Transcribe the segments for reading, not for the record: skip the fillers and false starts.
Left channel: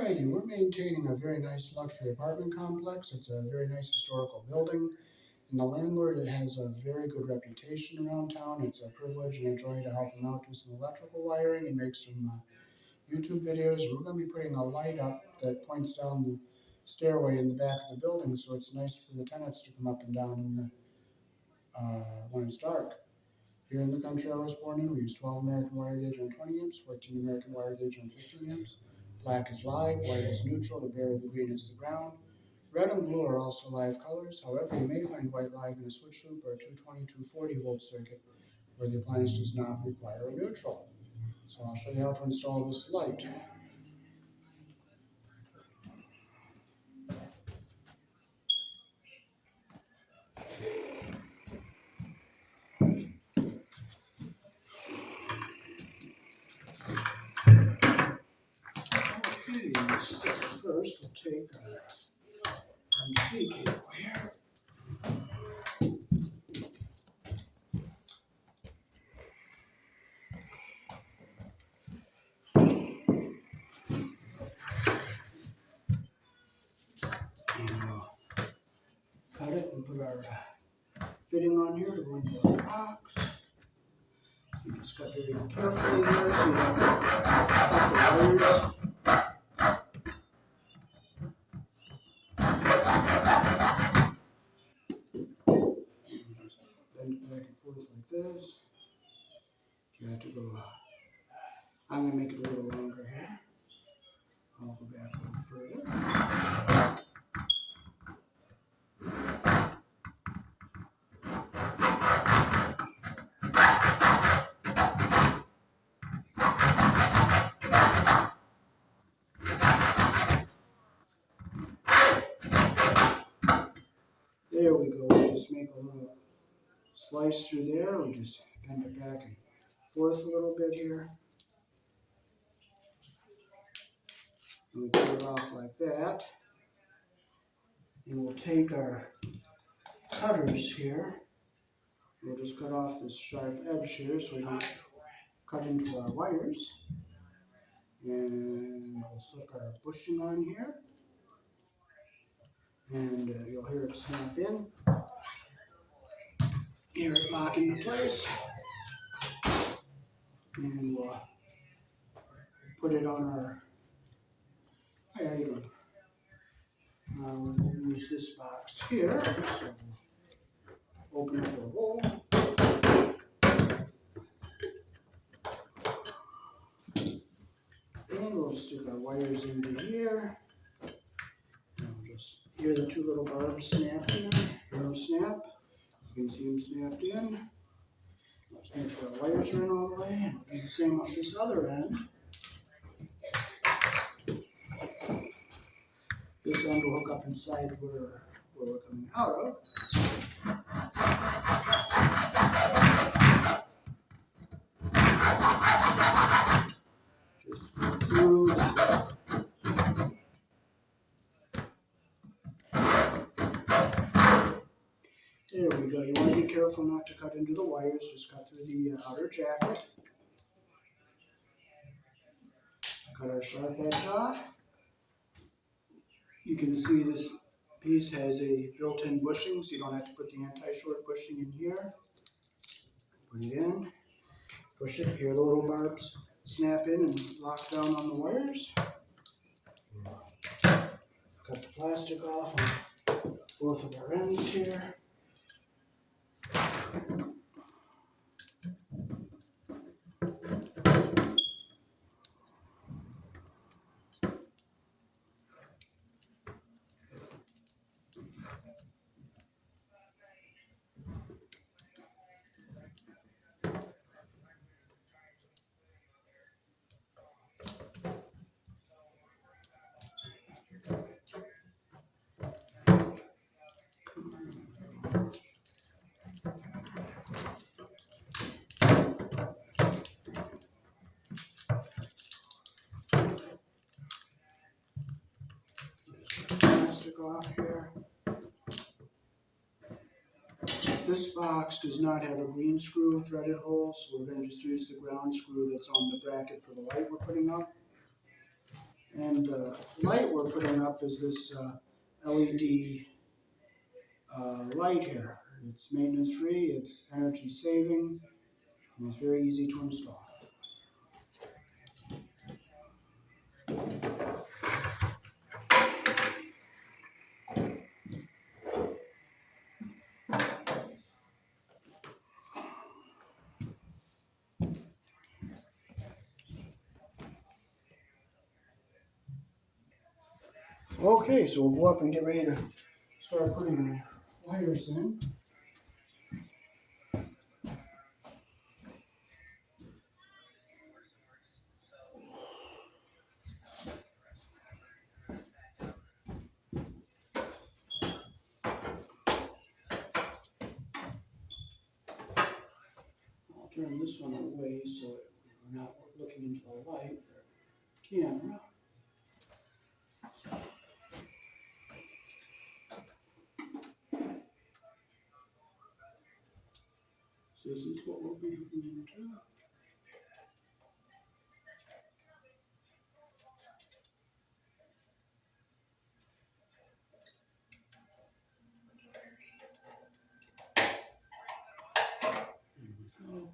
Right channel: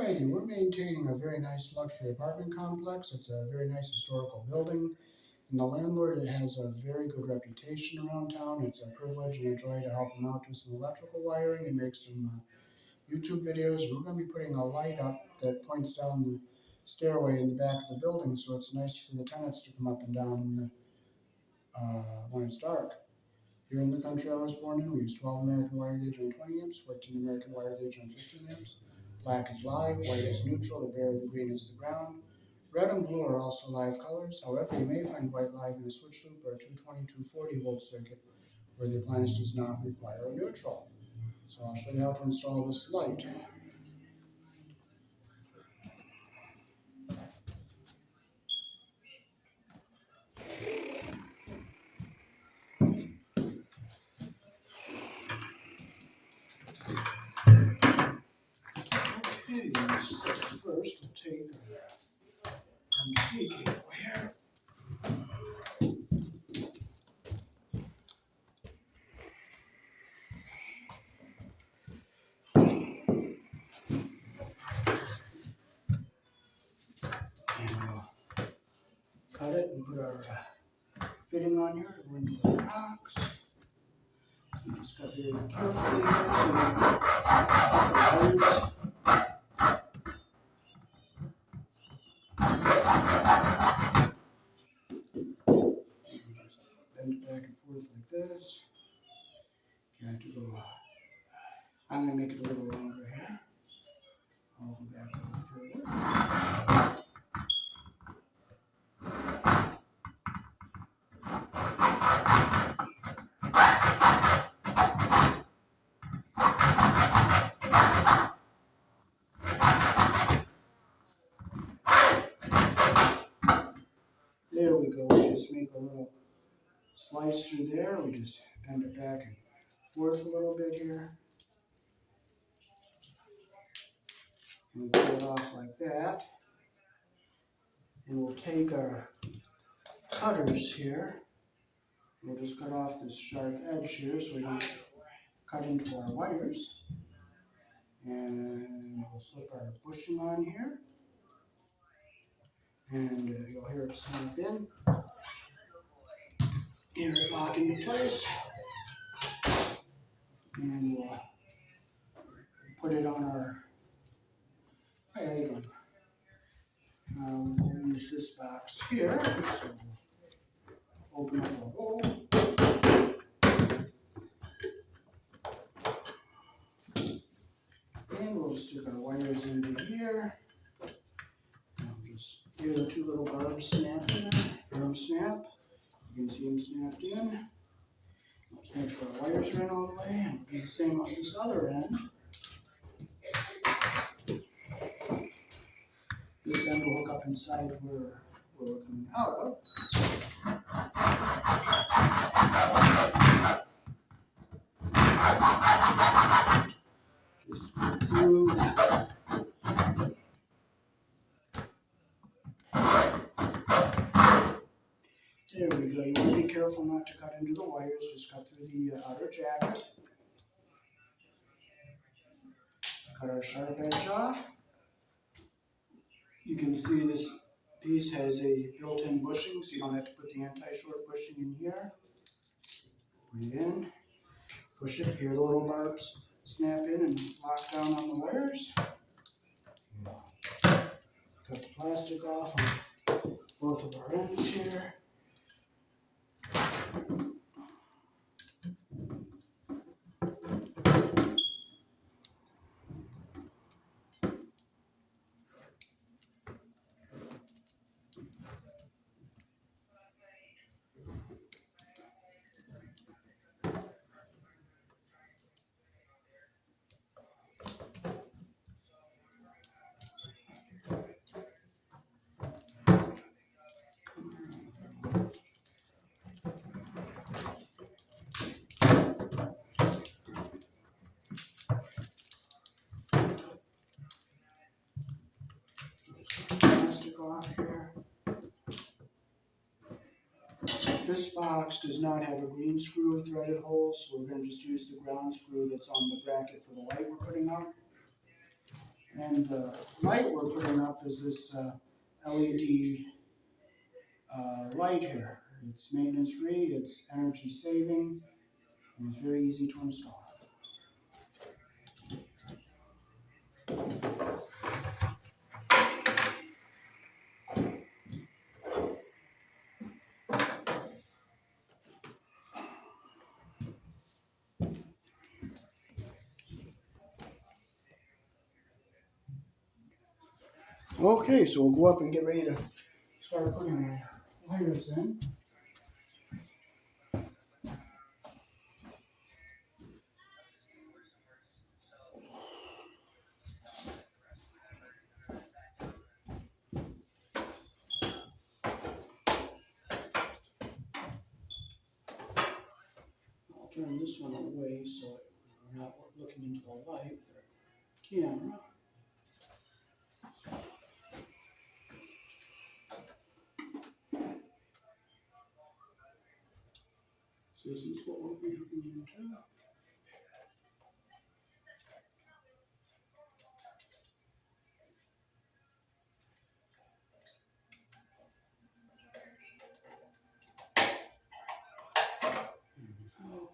Alrighty, we're maintaining a very nice luxury apartment complex. It's a very nice historical building, and the landlord has a very good reputation around town. It's a privilege and a joy to help him out do some electrical wiring and make some YouTube videos. We're going to be putting a light up that points down the stairway in the back of the building, so it's nice for the tenants to come up and down when it's dark. Here in the country I was born in, we use 12 American wire gauge on 20 amps, 14 American wire gauge on 15 amps. Black is live, white is neutral, the bare the green is the ground. Red and blue are also live colors. However, you may find white live in a switch loop or a 220, 240 volt circuit where the appliance does not require a neutral. So I'll show you how to install this light. Okay, so first we'll take our MC cable here. And we'll cut it and put our fitting on here to go into our box. You just got very carefully here so you don't cut the wires. Bend it back and forth like this. You have to go, I'm going to make it a little longer here. I'll go back a little further. There we go. We just make a little slice through there. We just bend it back and forth a little bit here. And we pull it off like that. And we'll take our cutters here. We'll just cut off this sharp edge here so we don't cut into our wires. And we'll slip our bushing on here. And you'll hear it snap in. Hear it lock into place. And we'll put it on our, hi, how you doing? We'll use this box here. So we'll open up the hole. And we'll stick our wires into here. And we'll just hear the two little barbs snap in there. Hear them snap. You can see them snapped in. Let's make sure our wires are in all the way. And we'll do the same on this other end. This end will hook up inside where we're coming out of. Just go through. There we go. You want to be careful not to cut into the wires. Just cut through the outer jacket. Cut our sharp edge off. You can see this piece has a built-in bushing, so you don't have to put the anti-short bushing in here. Put it in. Push it. Here the little barbs snap in and lock down on the wires. Cut the plastic off on both of our ends here. Off here. This box does not have a green screw threaded hole, so we're going to just use the ground screw that's on the bracket for the light we're putting up. And the light we're putting up is this LED light here. It's maintenance free, it's energy saving, and it's very easy to install. Okay, so we'll go up and get ready to start putting our wires in. I'll turn this one away so we're not looking into the light with our camera. So this is what we'll be hooking into. Oh.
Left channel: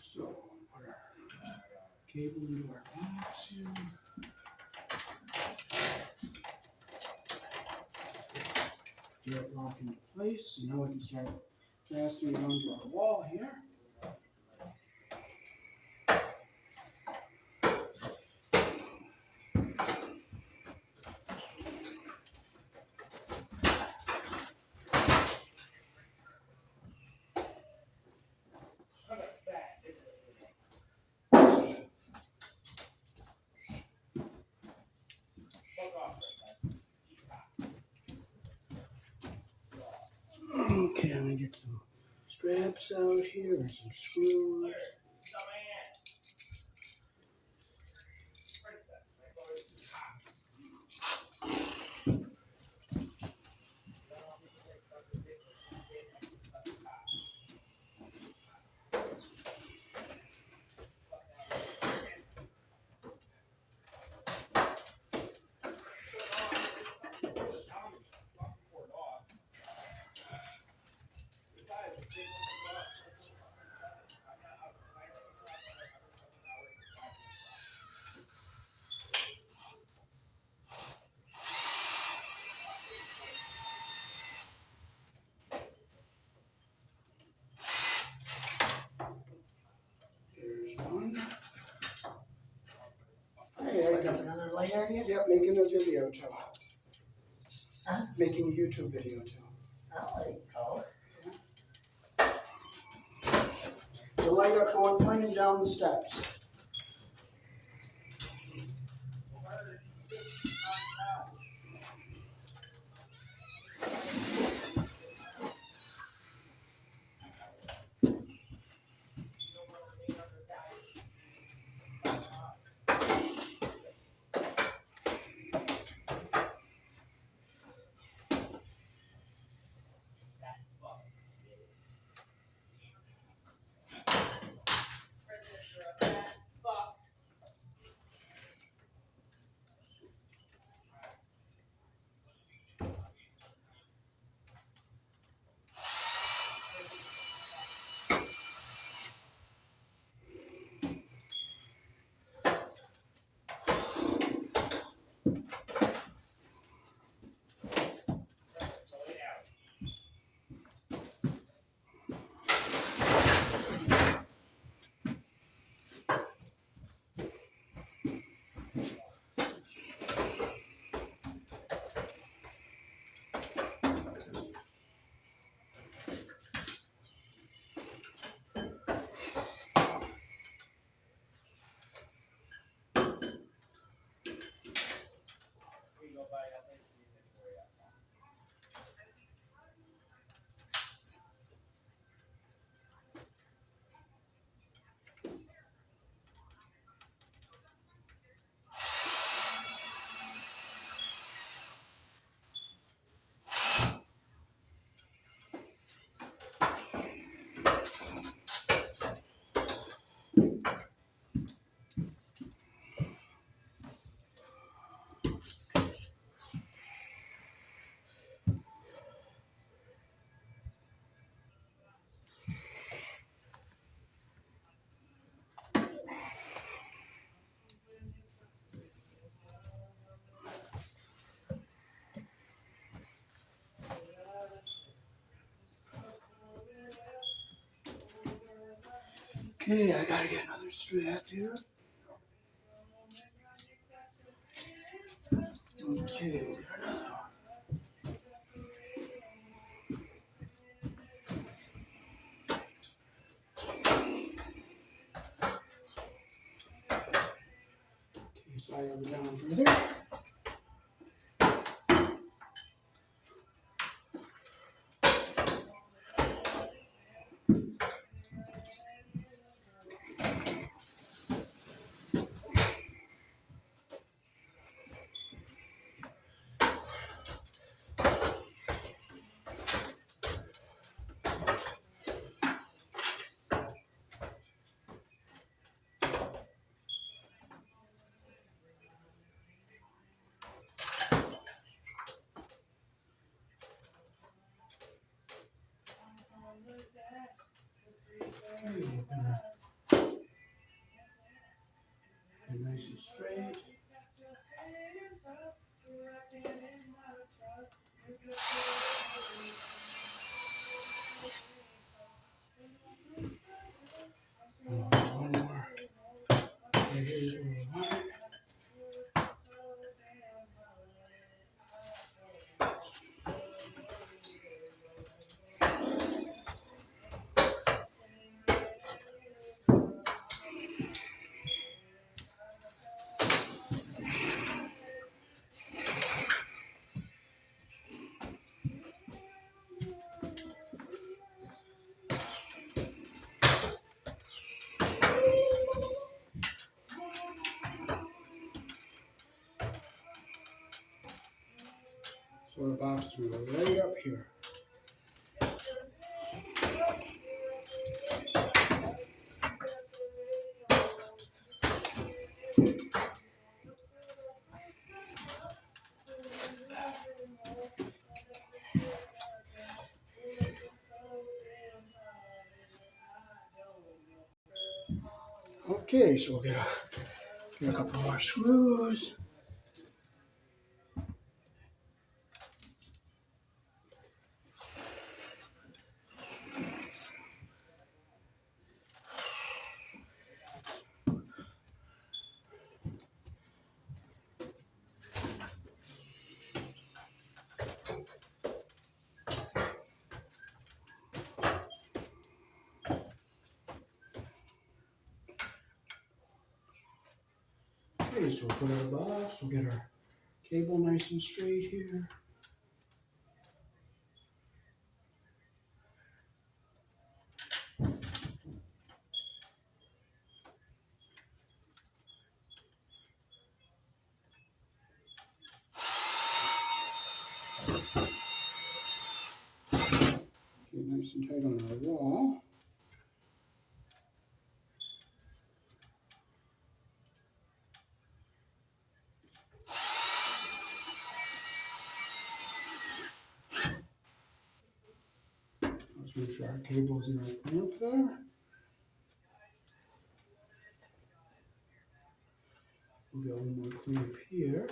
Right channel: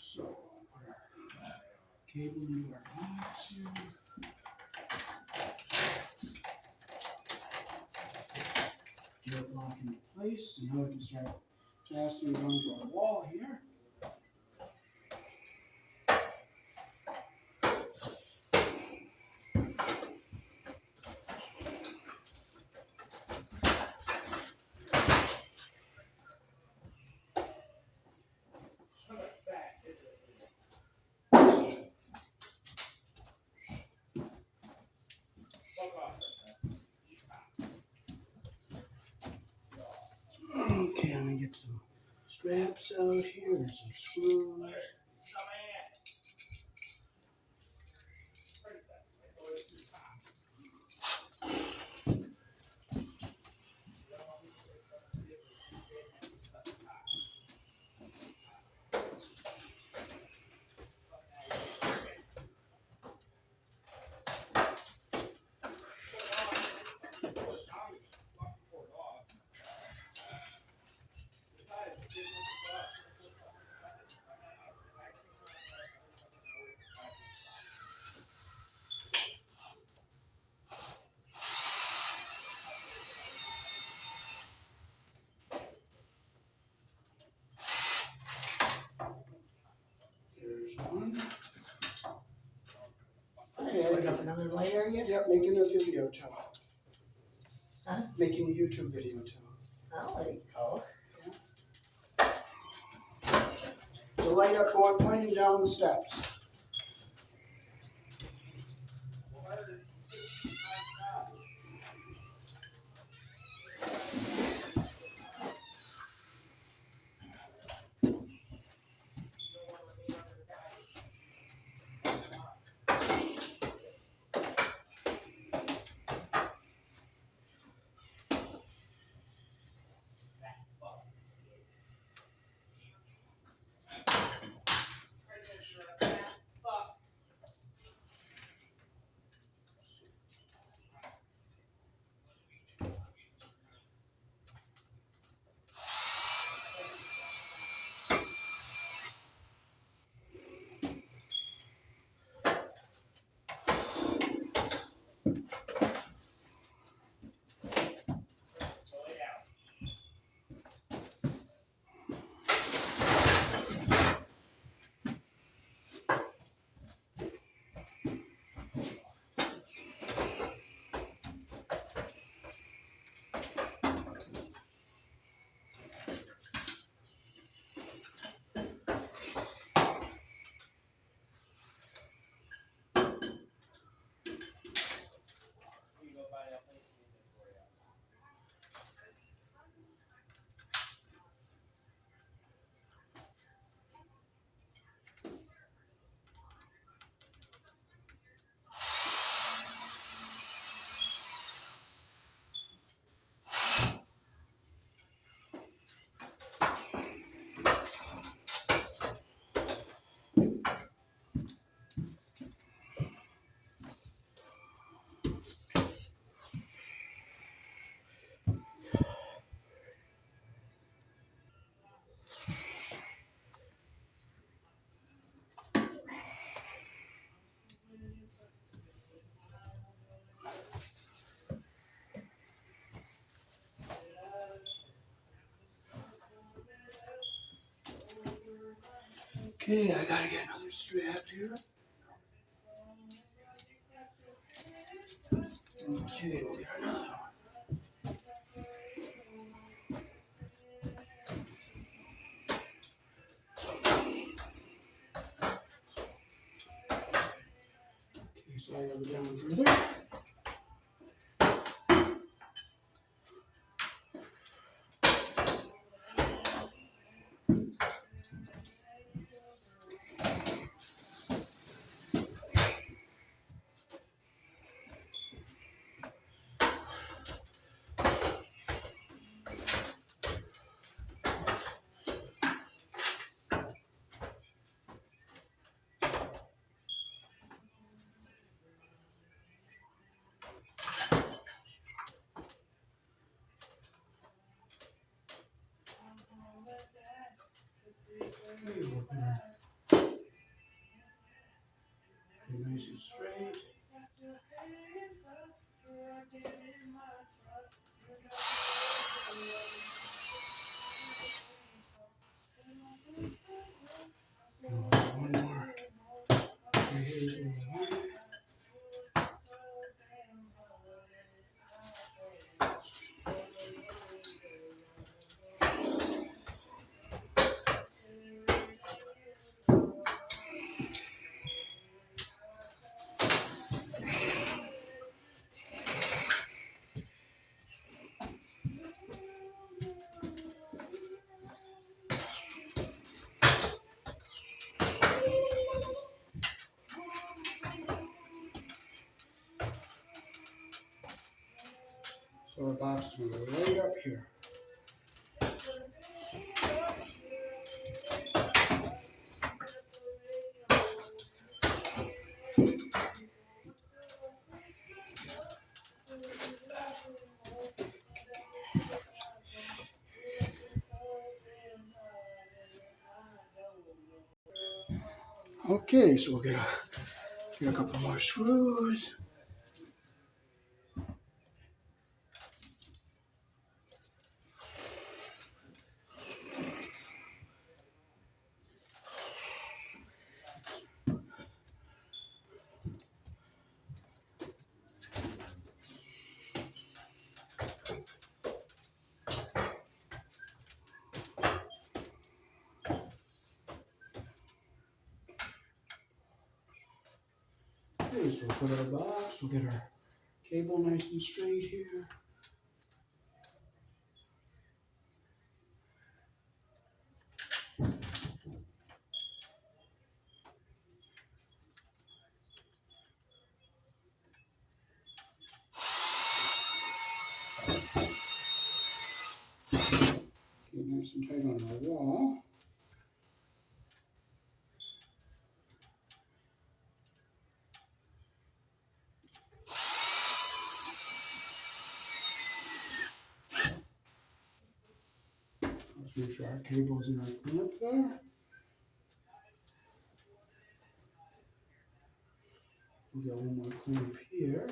So put our cable into our box here. Get it locked into place, and now we can start fastening it onto our wall here. Okay, I'm gonna get some straps out here and some screws. There's one. Hey, Put up another light area? yep, making a video too. Huh? Making a YouTube video too. Oh, there you go. The light up going, pointing down the steps. Okay, I gotta get another strap here. Okay, we'll get another one. Okay, so I gotta go down further. Okay, open her. Okay, nice and straight. One more. Okay, here's where we want it. So our box is gonna go right up here. Okay, so we'll get a couple more screws. Okay, so we'll put our box, we'll get our cable nice and straight here. Get nice and tight on our wall. Let's make sure our cable's in our clamp there. We'll get one more clamp here.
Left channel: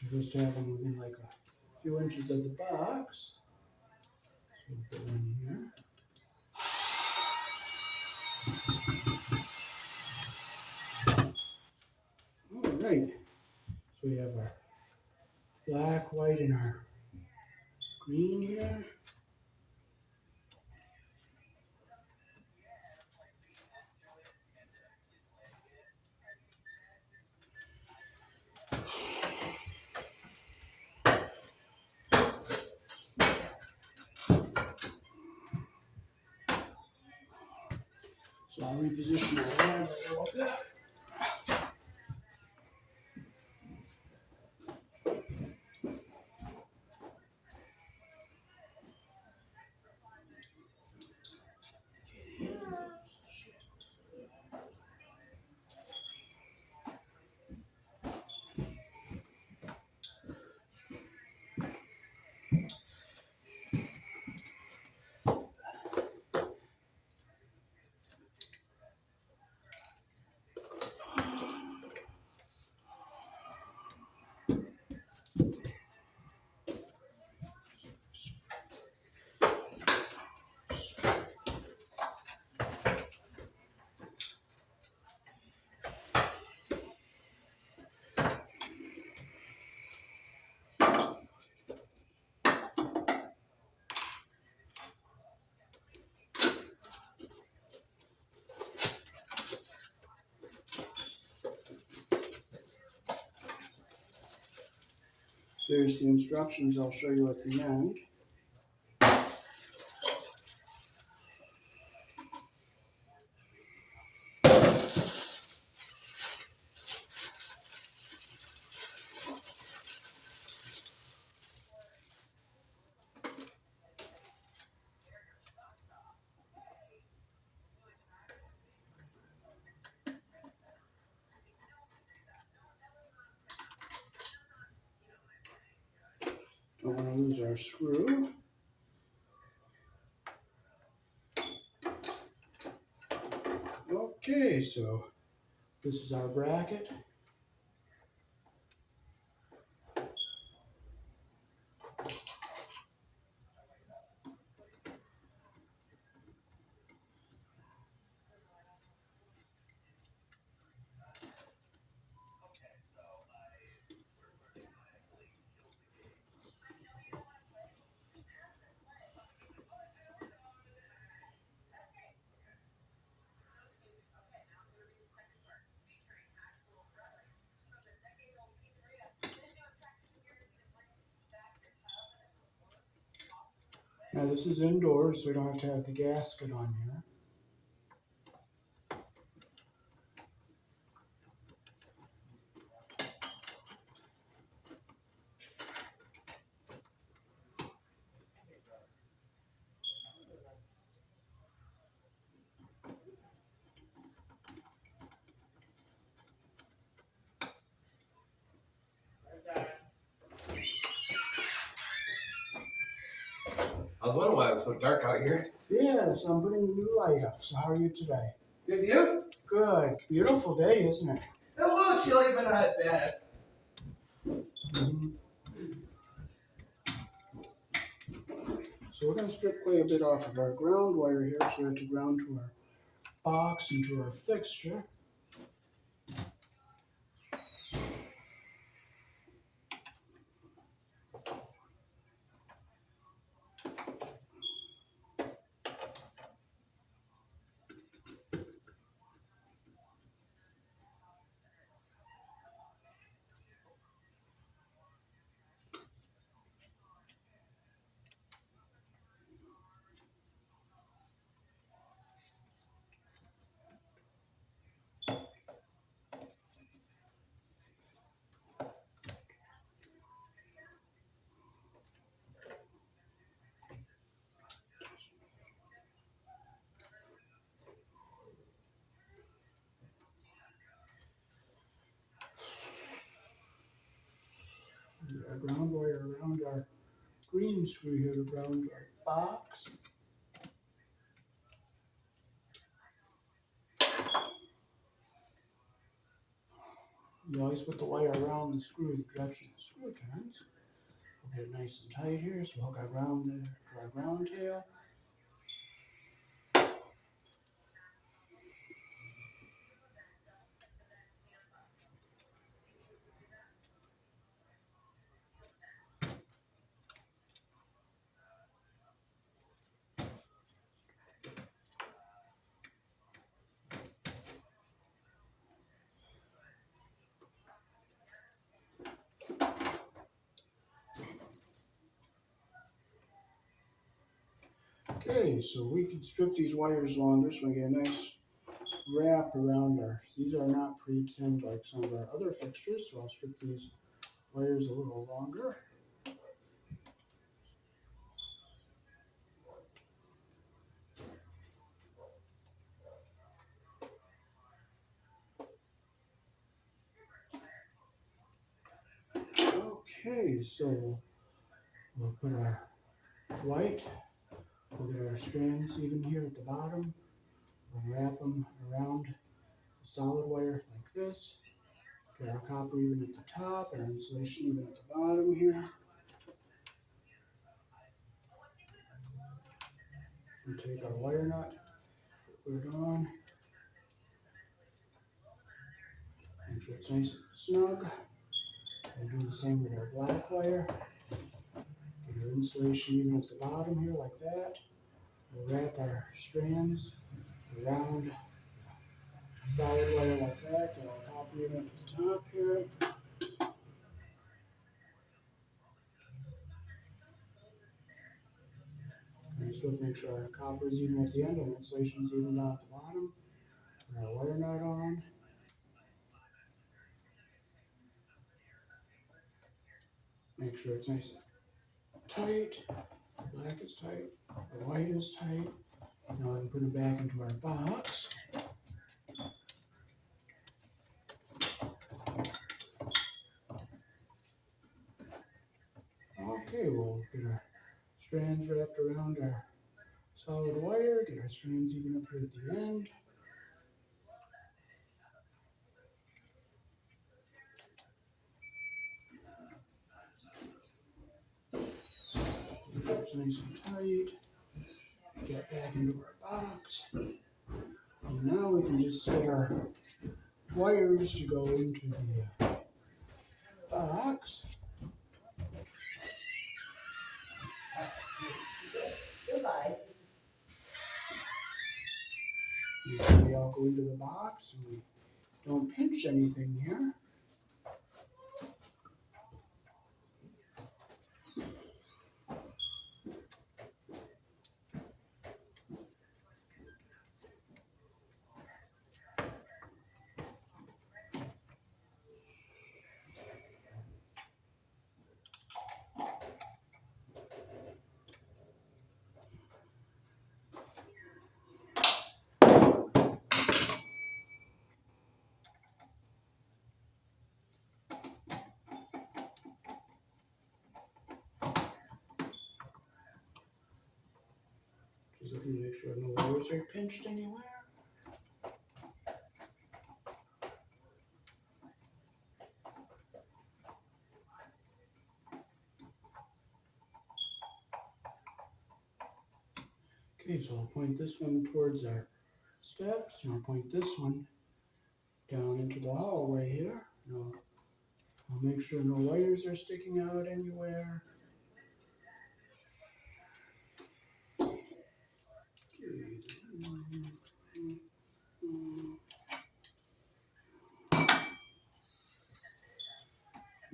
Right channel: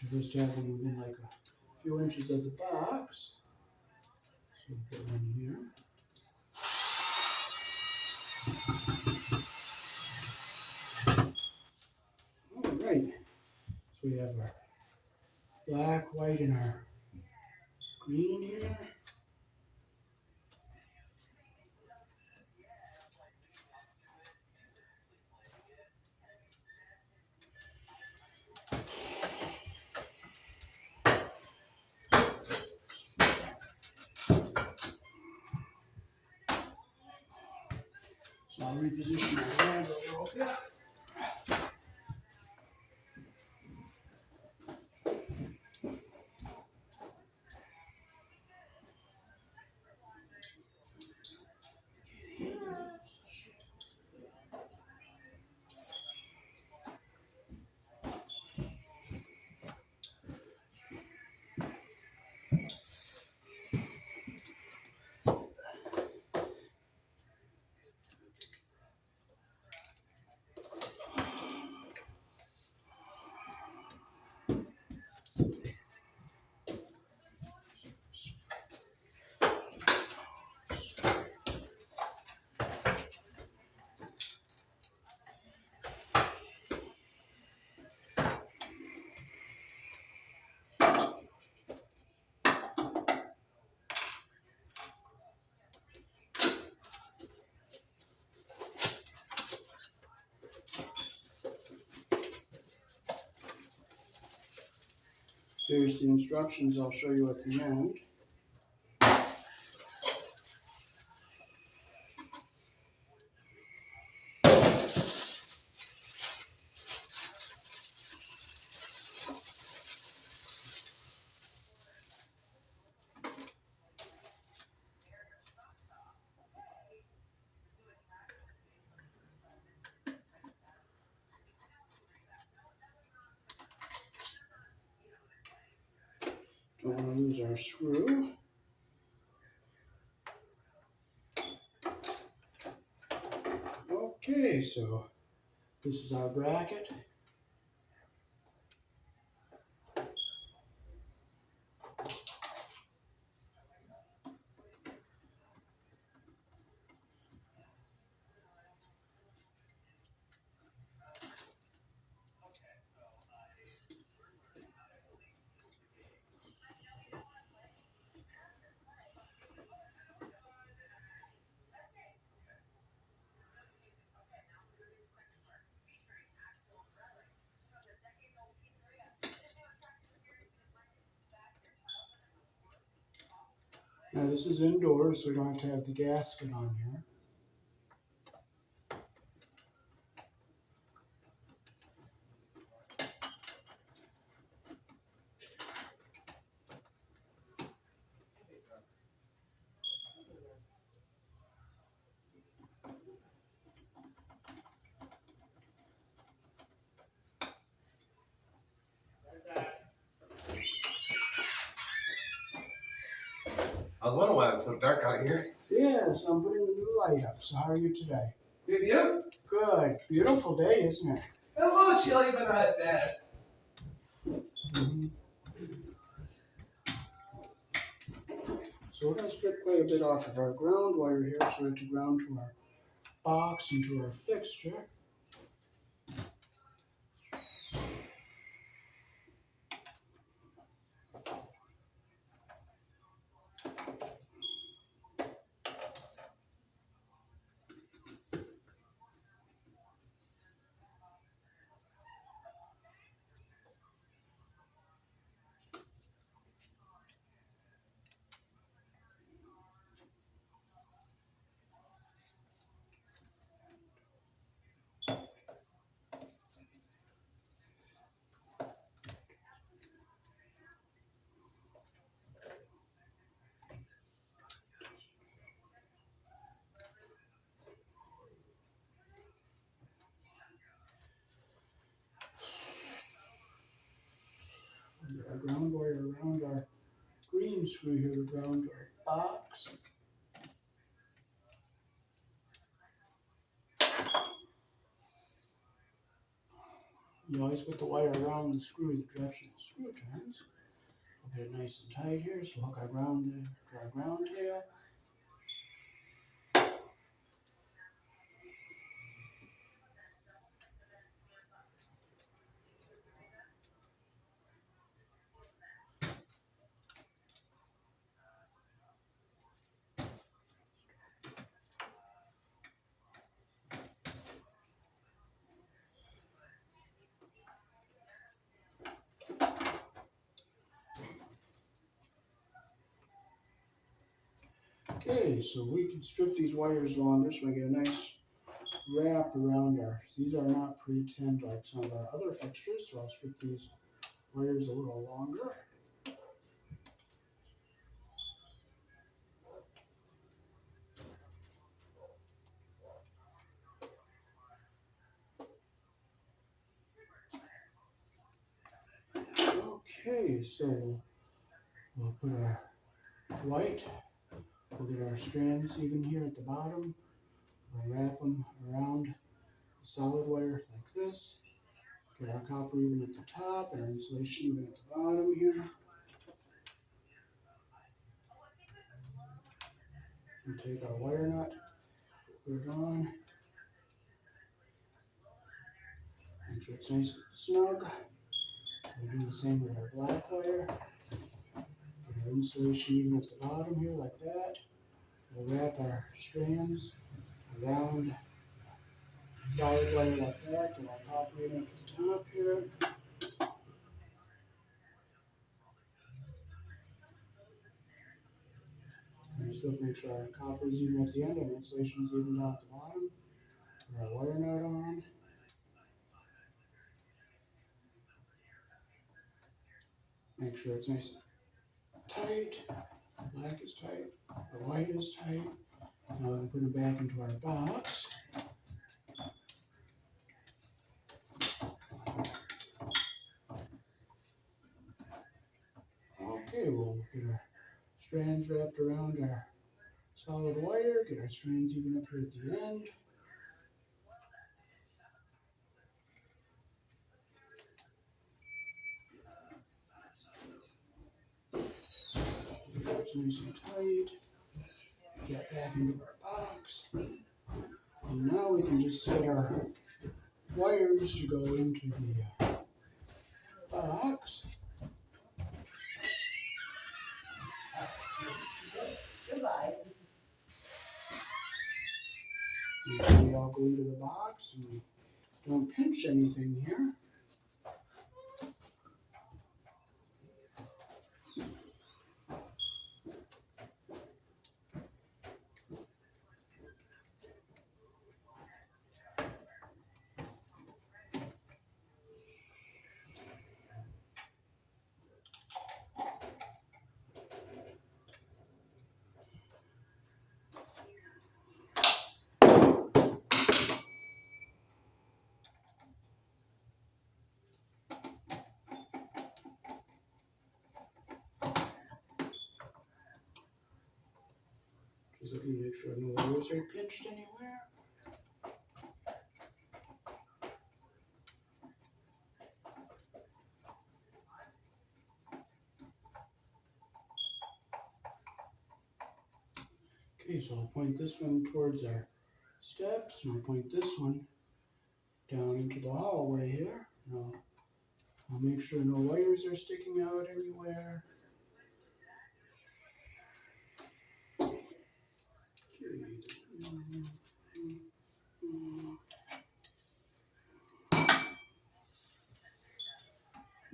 You're supposed to have one within like a few inches of the box. So we'll put one here. All right. So we have our black, white, and our green here. So I'll reposition our lamp a little bit. There's the instructions I'll show you at the end. Don't want to lose our screw. Okay, so this is our bracket. Now this is indoors, so we don't have to have the gasket on here. I was wondering why it was so dark out here. Yes, I'm putting the new light up. So how are you today? Good, you? Good. Beautiful day, isn't it? A little chilly, but not as bad. Mm-hmm. So we're going to strip quite a bit off of our ground wire here, so we have to ground to our box and to our fixture. Get our ground wire around our green screw here to ground our box. You always put the wire around the screw the direction the screw turns. We'll get it nice and tight here, so hook our ground to our ground tail. Okay, so we can strip these wires longer so we get a nice wrap around our, these are not pre-tinned like some of our other fixtures, so I'll strip these wires a little longer. Okay, so we'll put our white, we'll get our strands even here at the bottom. We'll wrap them around the solid wire like this. Get our copper even at the top and our insulation even at the bottom here. And take our wire nut, put it on. Make sure it's nice and snug. We'll do the same with our black wire. Get our insulation even at the bottom here like that. We'll wrap our strands around solid wire like that. Get our copper even up at the top here. look, make sure our copper is even at the end and our insulation is even down at the bottom. Put our wire nut on. Make sure it's nice and tight. The black is tight. The white is tight. Now we can put it back into our box. Okay, we'll get our strands wrapped around our solid wire. Get our strands even up here at the end. Make sure it's nice and tight. Get back into our box. And now we can just set our wires to go into the box. Goodbye. Make sure we all go into the box and we don't pinch anything here. Just looking to make sure no wires are pinched anywhere. Okay, so I'll point this one towards our steps, and I'll point this one down into the hallway here. Now, I'll make sure no wires are sticking out anywhere.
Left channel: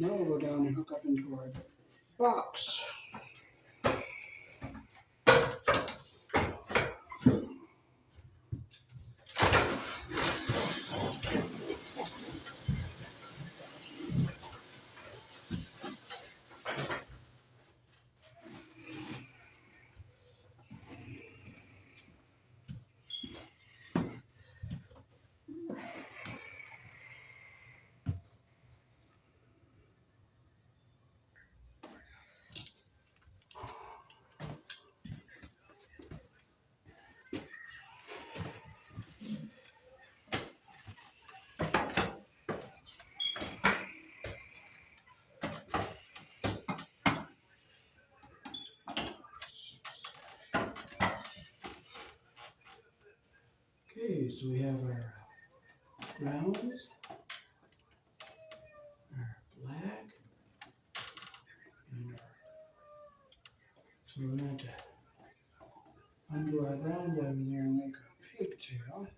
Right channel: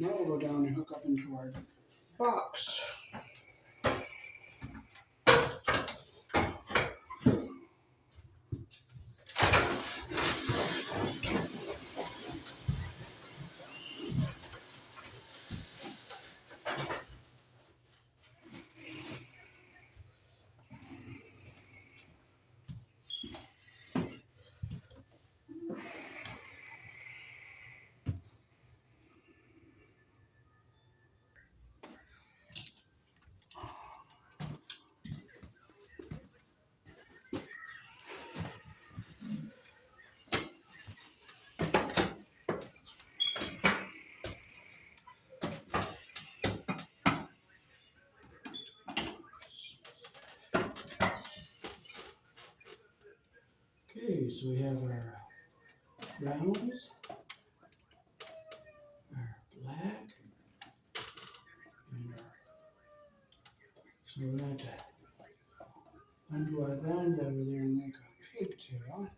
Now we'll go down and hook up into our box. Okay, so we have our browns, our black, and our, so we're going to undo our ground wire there and make a pigtail.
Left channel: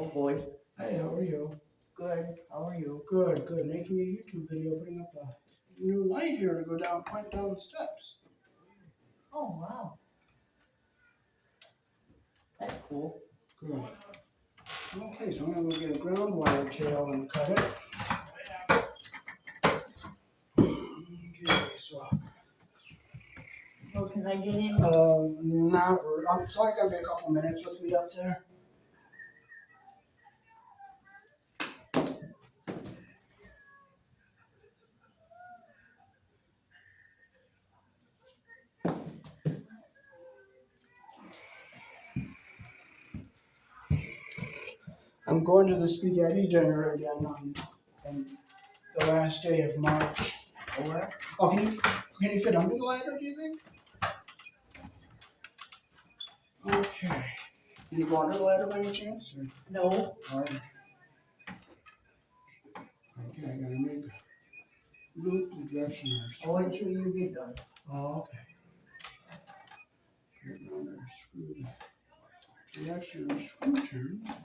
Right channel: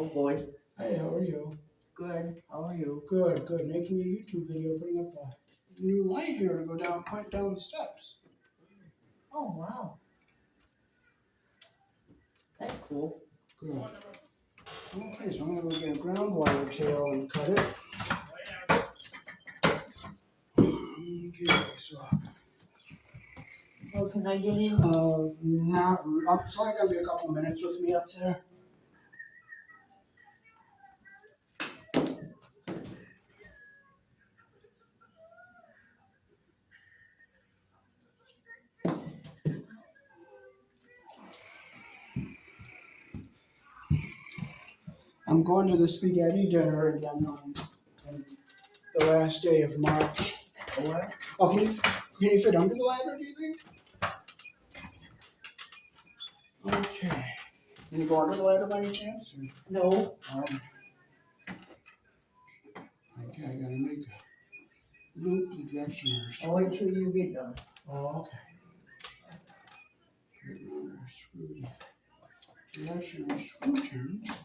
Oh boy. Hey, how are you? Good. How are you? Good, good. Making a YouTube video, putting up a new light here to go down, point down the steps. Oh wow. That's cool. Good. Okay, so I'm gonna go get a ground wire tail and cut it. Okay, so Oh, can I get in? not. It's only gonna be a couple minutes with me up there. I'm going to the spaghetti dinner again on the last day of March. What? Oh, can you fit under the ladder, do you think? Okay. Can you go under the ladder by any chance? Or? No. Okay, I gotta make a loop the direction our I'll wait till you get done. Oh, okay. Get around our screw, the direction our screw turns.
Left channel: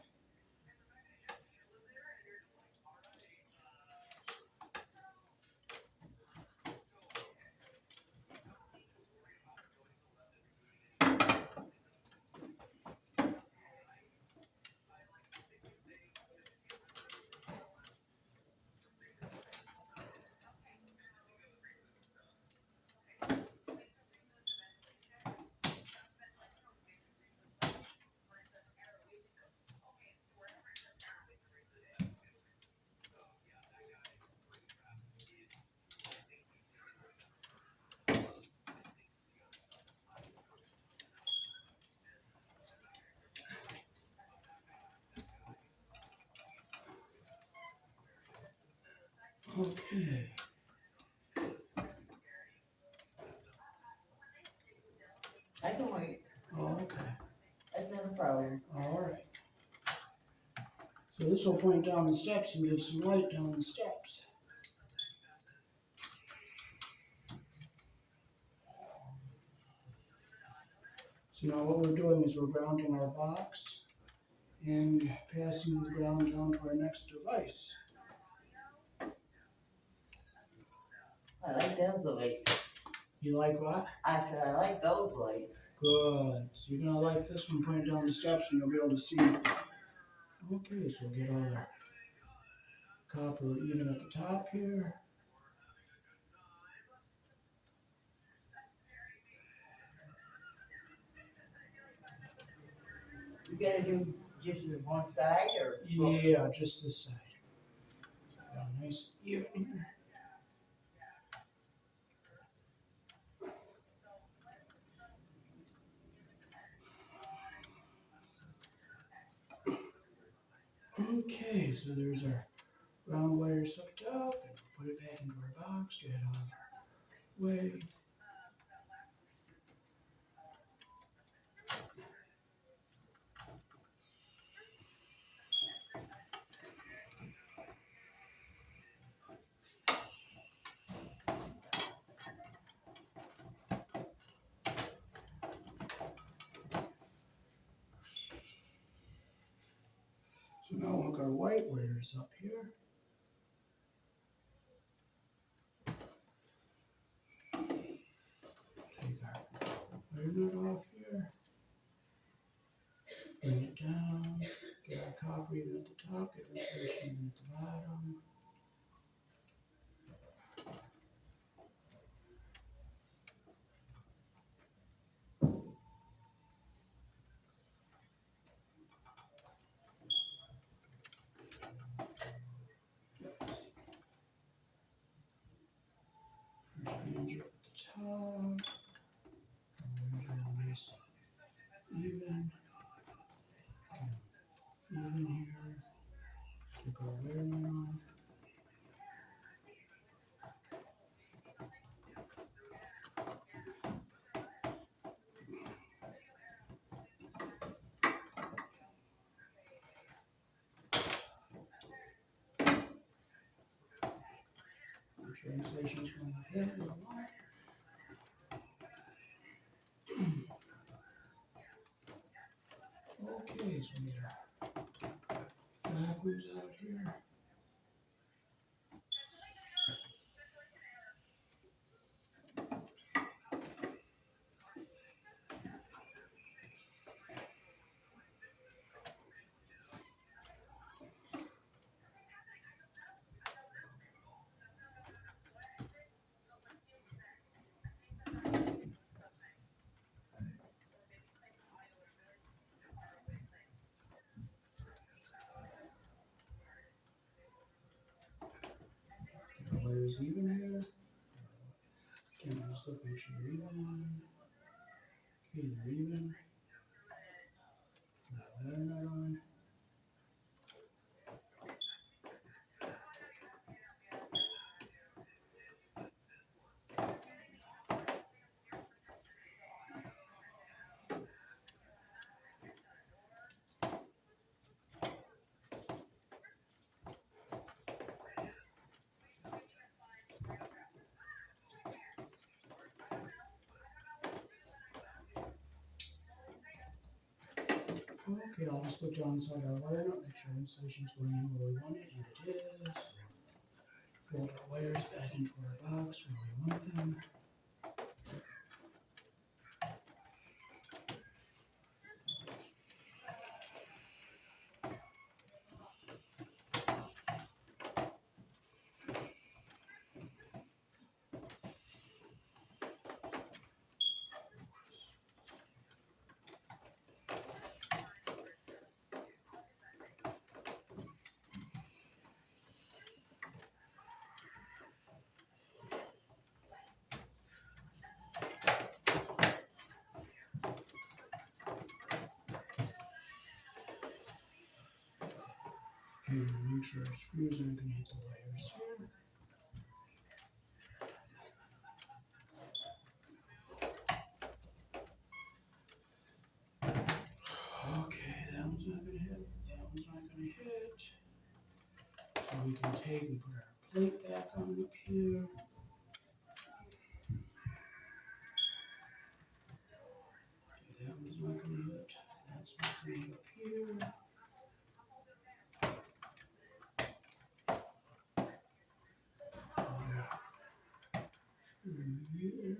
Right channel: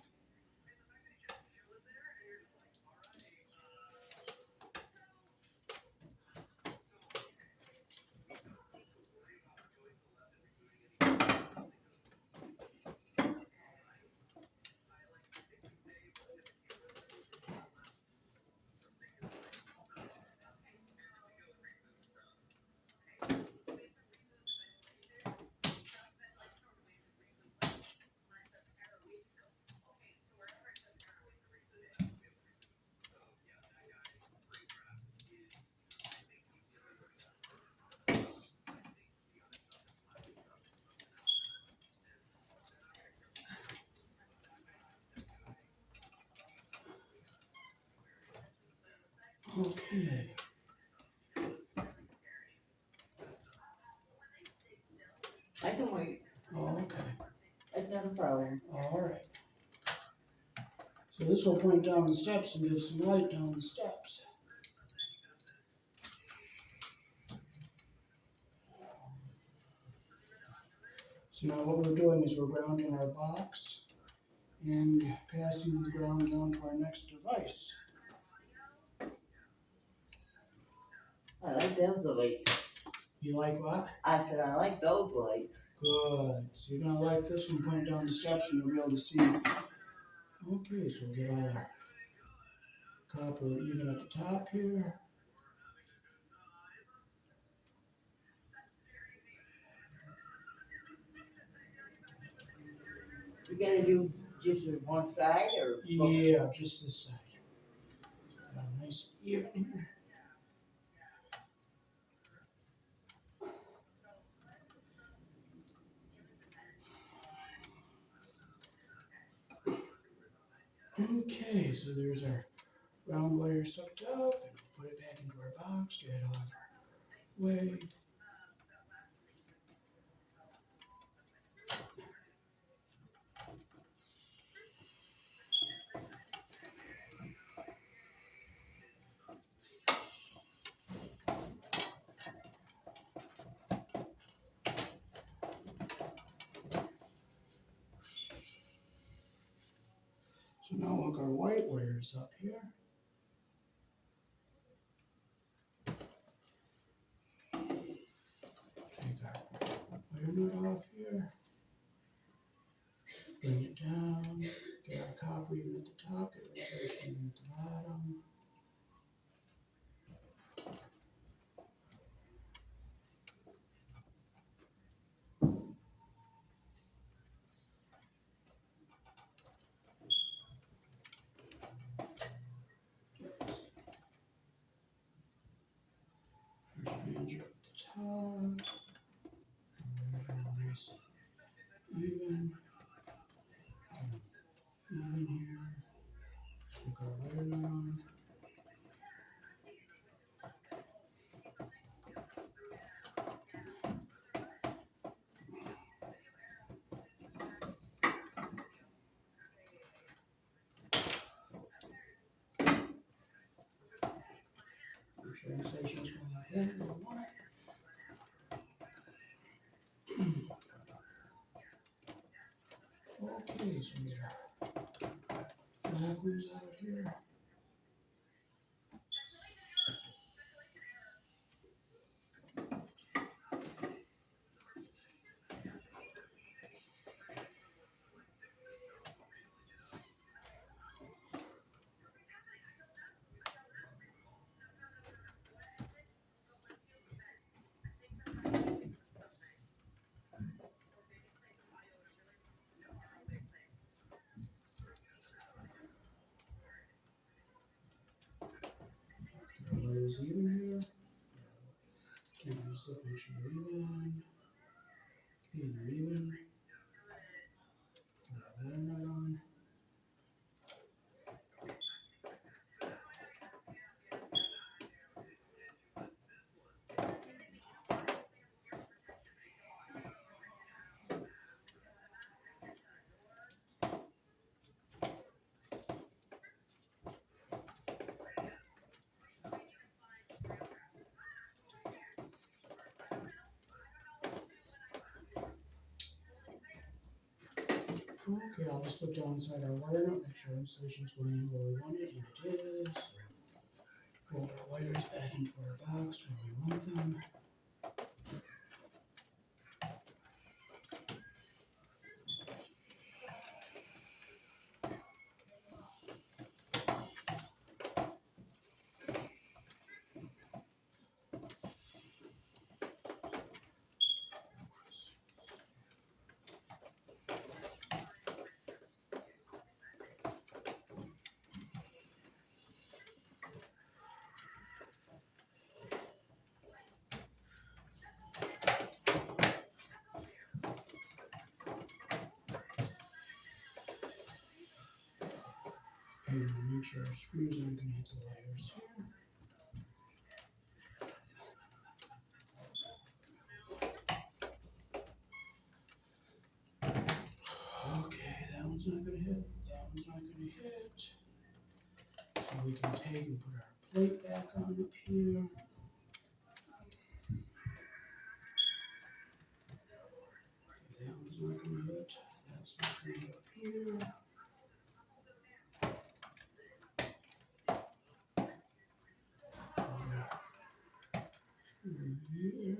Okay. I can wait. Oh, okay. That's not a problem. All right. So this will point down the steps and give some light down the steps. So now what we're doing is we're grounding our box and passing the ground down to our next device. I like those lights. You like what? I said I like those lights. Good. So you're gonna like this one pointing down the steps and you'll be able to see. Okay, so we'll get all our copper even at the top here. You gotta do just one side or both? Yeah, just this side. Got a nice even here. Okay, so there's our round wire sucked up, and we'll put it back into our box, get it out of our way. So now look, our white wire is up here. Take our wire nut off here. Bring it down. Get our copper even at the top, get our insulation even at the bottom. Our strands are at the top. Our wires are all nice, even. Even here. Stick our wire nut on. Make sure insulation is going up in. We don't want it. Okay, so we get our black ones out here. Get our wires even here. Camera's looking, make sure they're even. Okay, they're even. Put our wire nut on. Okay, I'll just look down inside our wire nut, make sure insulation's going in where we want it, and it is. Fold our wires back into our box where we want them. Okay, we'll make sure our screws aren't going to hit the wires here. Okay, that one's not going to hit. That one's not going to hit. So we can take and put our plate back on up here. Okay, that one's not going to hit. That's not going to hit up here. Here.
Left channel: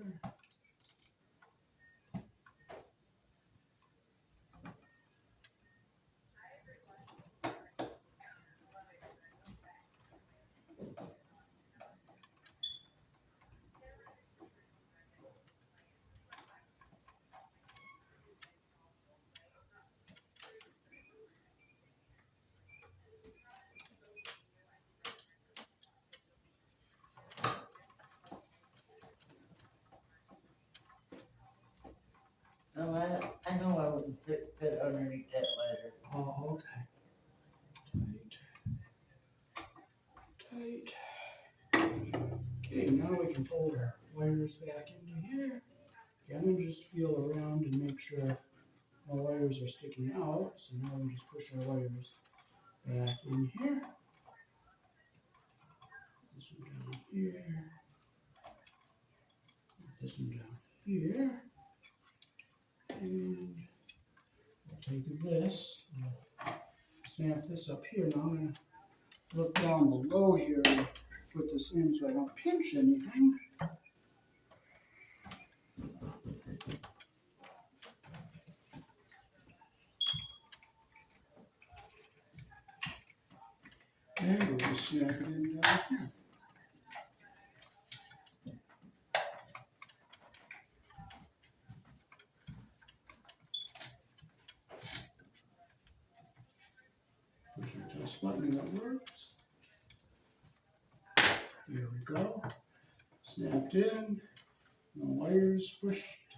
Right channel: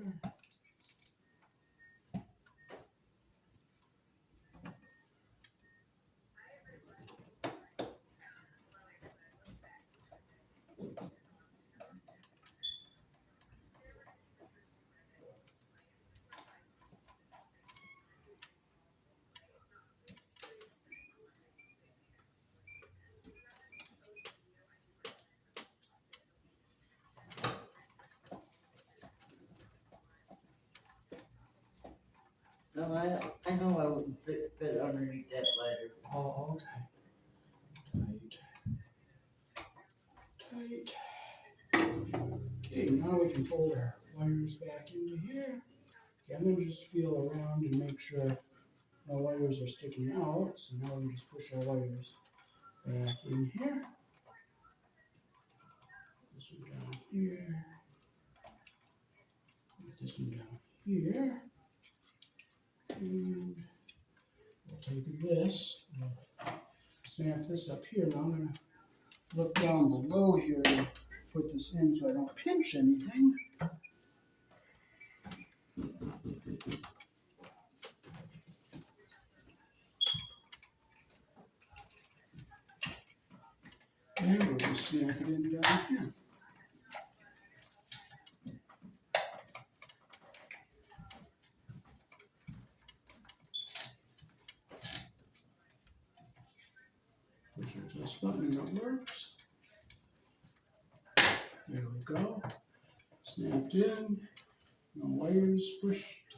No, I know I wouldn't fit underneath that ladder. Oh, okay. Tight. Okay, now we can fold our wires back into here. Okay, I'm going to just feel around and make sure no wires are sticking out. So now we can just push our wires back in here. This one down here. Put this one down here. And we'll take this. We'll snap this up here. Now I'm going to look down below here and put this in so I don't pinch anything. And we'll just snap it in down here. Push our test button and it works. There we go. Snapped in. No wires pushed,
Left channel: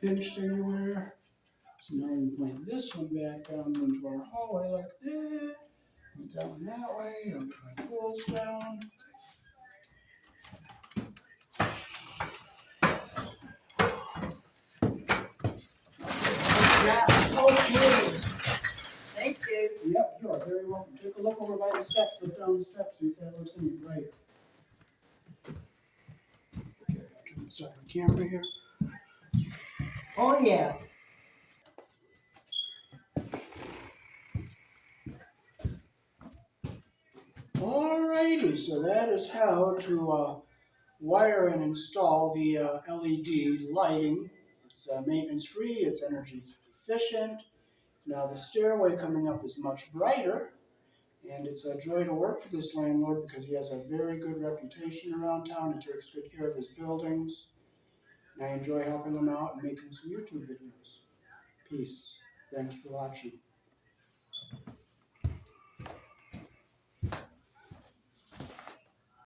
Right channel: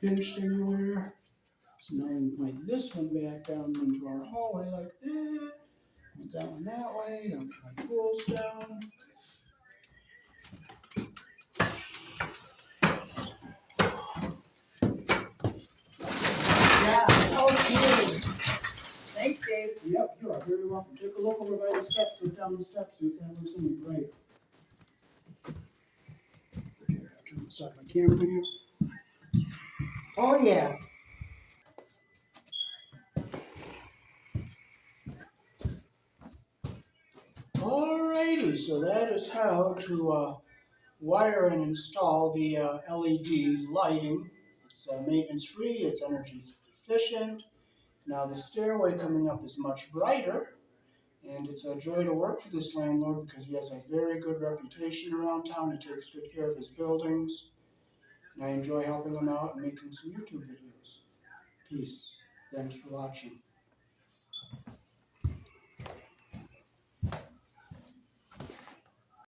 pinched anywhere. So now we can point this one back down into our hallway like that. Put that one that way. I'll get my tools down. Yeah, okay. Thanks, Dave. Yep, you are very welcome. Take a look over by the steps, look down the steps, see if that looks any right. Okay, I'll turn this off my camera here. Oh, yeah. Alrighty, so that is how to wire and install the LED lighting. It's maintenance free, it's energy efficient. Now the stairway coming up is much brighter, and it's a joy to work for this landlord because he has a very good reputation around town. He takes good care of his buildings, and I enjoy helping him out and making some YouTube videos. Peace. Thanks for watching.